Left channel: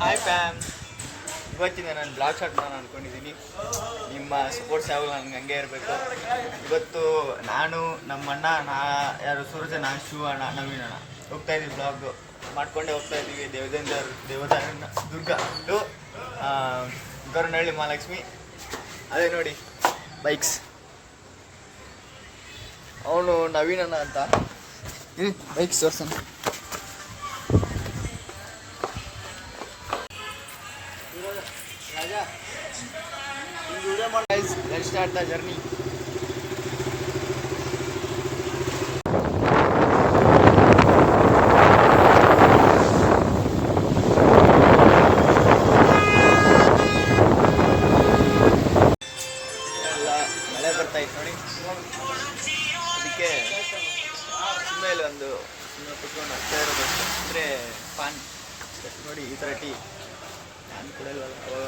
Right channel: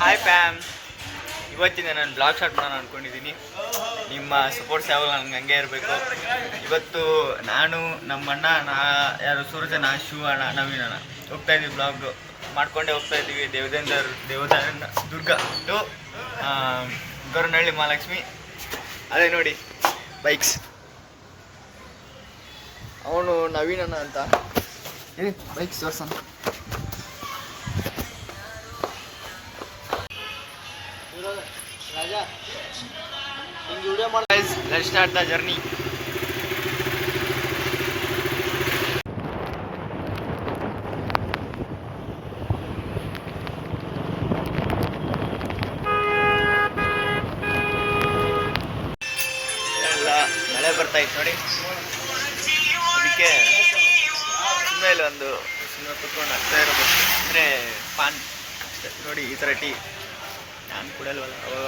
Hi fam, ಇವತ್ತಿಂದ ನಾನು blog start ಮಾಡೋಣ ಅಂದ್ಕೊಂಡಿದ್ದೀನಿ. ನಿಮ್ಮ ಸಪೋರ್ಟ್ಸ್ ಯಾವಾಗ ನನಗೆ ಹಂಗೆ ಇರಬೇಕು. ಇವತ್ತು ನಾನು ನಮ್ಮಣ್ಣ ಯಾರು ಸೂರಜನ, ಶಿವ ಅಣ್ಣ, ನವೀನ್ ಅಣ್ಣ ಹೋಗ್ತಾಯಿದ್ದೀವಿ. ಬ್ಲಾಗ್ ಮಾಡ್ಕೊಂಡೇ ಹೋಗ್ತಾಯಿದ್ದೀವಿ. ದೇವದಾನ ದುರ್ಗ ಟು ಗೌರನಹಳ್ಳಿ ಮಹಾಲಕ್ಷ್ಮಿ. ಅದೇ ನೋಡಿ ಬೈಕ್ಸ್. ಅವನು ನವೀನ್ ಅಣ್ಣ ಅಂತ bikes ತೋರ್ಸೋಣ. Let's start the journey. ಎಲ್ಲ ಮಳೆ ಬರ್ತಾ ಇತ್ತು ನೋಡಿ, ಅದಕ್ಕೆ ಸುಮ್ಮನೆ ಒಂದು ಸುಮ್ಮನೆ ಕುತ್ಕೊಂಡು ಆಗ್ತಾ ಇರಬೇಕು. ಅಂದರೆ ಪಾನ್ ನೋಡಿ, ಈ ಥರ ಟೀ ನಾನು ಕುಡಿಯಲ್ವಲ್ಲ, ಅವಾಗ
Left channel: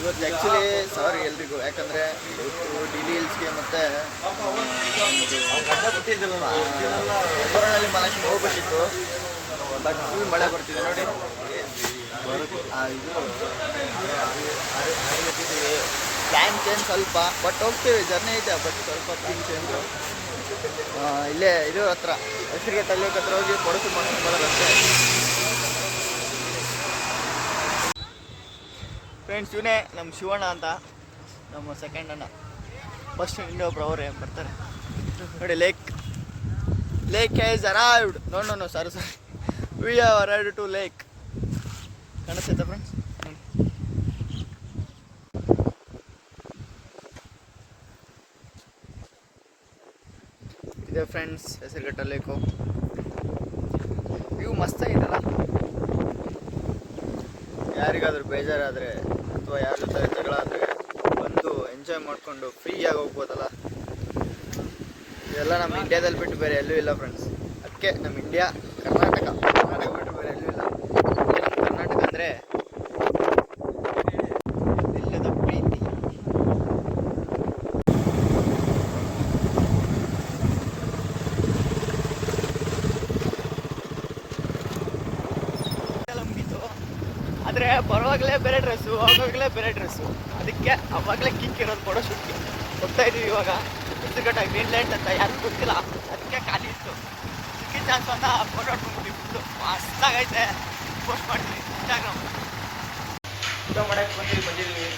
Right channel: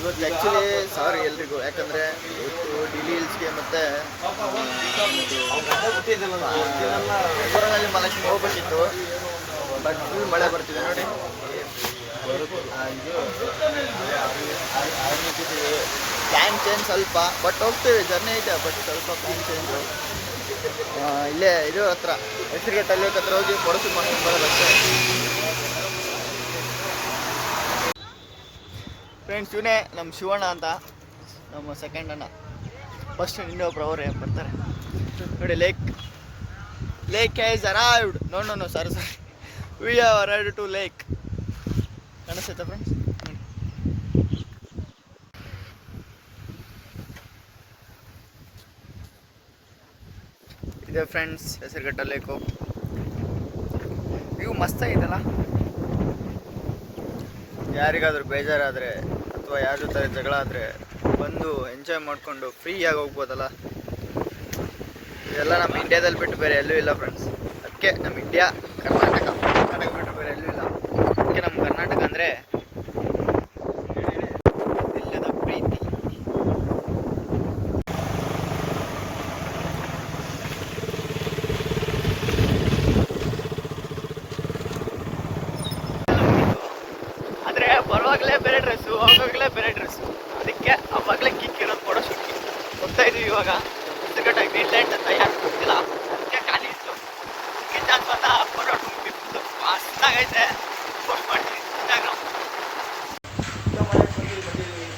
ಇವತ್ತು ಆ್ಯಕ್ಚುಲಿ ಸಾರಿ ಎಲ್ರಿಗೂ, ಯಾಕಂದರೆ ಇವತ್ತು ಡಿಲಿ ಹಿಲ್ಸ್ಗೆ ಮತ್ತು ಗೌರನಹಳ್ಳಿ ಮಹಾಲಕ್ಷ್ಮಿ ಹೋಗ್ಬೇಕಿತ್ತು. ಬಟ್ ಫುಲ್ ಮಳೆ ಬರ್ತಿದೆ ನೋಡಿ. ಪ್ಲ್ಯಾನ್ ಚೇಂಜ್ ಸ್ವಲ್ಪ, ಬಟ್ ಹೋಗ್ತೀವಿ, ಜರ್ನಿ ಐತೆ, ಬಟ್ ಸ್ವಲ್ಪ ಪ್ಲ್ಯಾನ್ ಚೇಂಜು. ಇಲ್ಲೇ ಇದು ಹತ್ರ ಹೆಸರುಘಟ್ಟಲ್ಲಿ ಹತ್ರ ಹೋಗಿ ಫೋಟೋ ಶೂಟ್ ಮಾಡ್ಕೊಂಡು ಬರೋದು ಅಷ್ಟೇ. ಫ್ರೆಂಡ್ಸ್, ಇವನೇ ನಮ್ಮ ಶಿವಣ್ಣ ಅಂತ, ನಮ್ಮ ಸೆಕೆಂಡ್ ಅಣ್ಣ. ಫಸ್ಟ್ ಇನ್ನೊಬ್ರು ಅವರೇ ಬರ್ತಾರೆ ನೋಡಿ. Lake has arrived. No sorry we have arrived to lake. ಕಾಣಿಸ್ತೈತಾ ಫ್ರೆಂಡ್ಸ್? ನೋಡಿ, ಇದೆ ಫ್ರೆಂಡ್ಸ್ ಹೆಸರುಘಟ್ಟ ಲೇಕು. ವ್ಯೂ ಮಸ್ತ್ ಐತಲ್ಲ. ಯಾರಿಗಾದ್ರೂ ಬೇಜಾರಾದರೆ ಅಥವಾ ಯಾರ ಜೊತೆ ಜಗಳ ಆದರೆ ಬಂದು ಎಂಜಾಯ್ ಮಾಡಿಕೊಂಡು ಫ್ರೀಯಾಗಿ ಹೋಗ್ಬೋದಲ್ಲ. ಇದೆಲ್ಲ ನಮ್ಮ ಇಂಡಿಯಾದಲ್ಲಿ ಬಿಟ್ಟು ಬೇರೆ ಎಲ್ಲೂ ಇಲ್ಲ ಫ್ರೆಂಡ್ಸ್. ಅದಕ್ಕೆ ನಮ್ಮ ಇಂಡಿಯಾ ಕರ್ನಾಟಕ ಬಿಟ್ಟು ಬೇರೆ ಎಲ್ಲೂ ಇಲ್ಲ. ಅದಕ್ಕೆ ನಮ್ಮ ಕರ್ನಾಟಕ ಅಂದರೆ ಇಲ್ಲದ ಪ್ರೀತಿ. ಆದರೆ ಬರುವಾಗಲೇ ಬೇರೆ ಡ್ರೆಸ್ಸು, ಹೋಗೋವಾಗಲೇ ಬೇರೆ ಡ್ರೆಸ್ಸು. ಅದಕ್ಕೆ ಅವಾಗಲೇ ಕಿಕ್ ಇರೋದು ಫೋಟೋ ಶೂಟ್ಗೆ ಹೋಗ್ತಾ ಇದ್ದೀವಿ. ಇವಾಗ ಹೆಸರುಘಟ್ಟ ಗ್ರೀನ್ಲ್ಯಾಂಡ್ ಅಂತ ಯಾರು ಗೊತ್ತಿಲ್ಲ, ಅದಕ್ಕೆ ಖಾಲಿ ಇತ್ತು. ಅದಕ್ಕೆ ಚಾನ್ಸ್ ಅಂತ ಫೋಟೋ ಹೊಡ್ಕೊಂಡ್ಬಿಟ್ಟು ಮಸ್ತಾಗೈತೆ, ಪೋಸ್ಟ್ ಮಾಡ್ತೀವಿ ಇನ್ಸ್ಟಾಗ್ರಾಮ್. ಮನೆಗೆ ಬಂದಿದ್ದೀವಿ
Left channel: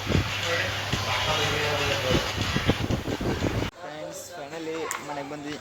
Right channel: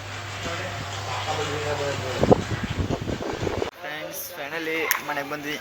ಫ್ರೆಂಡ್ಸ್. ಫೈನಲಿ ಮನೆಗೆ ಬಂದ್ವಿ.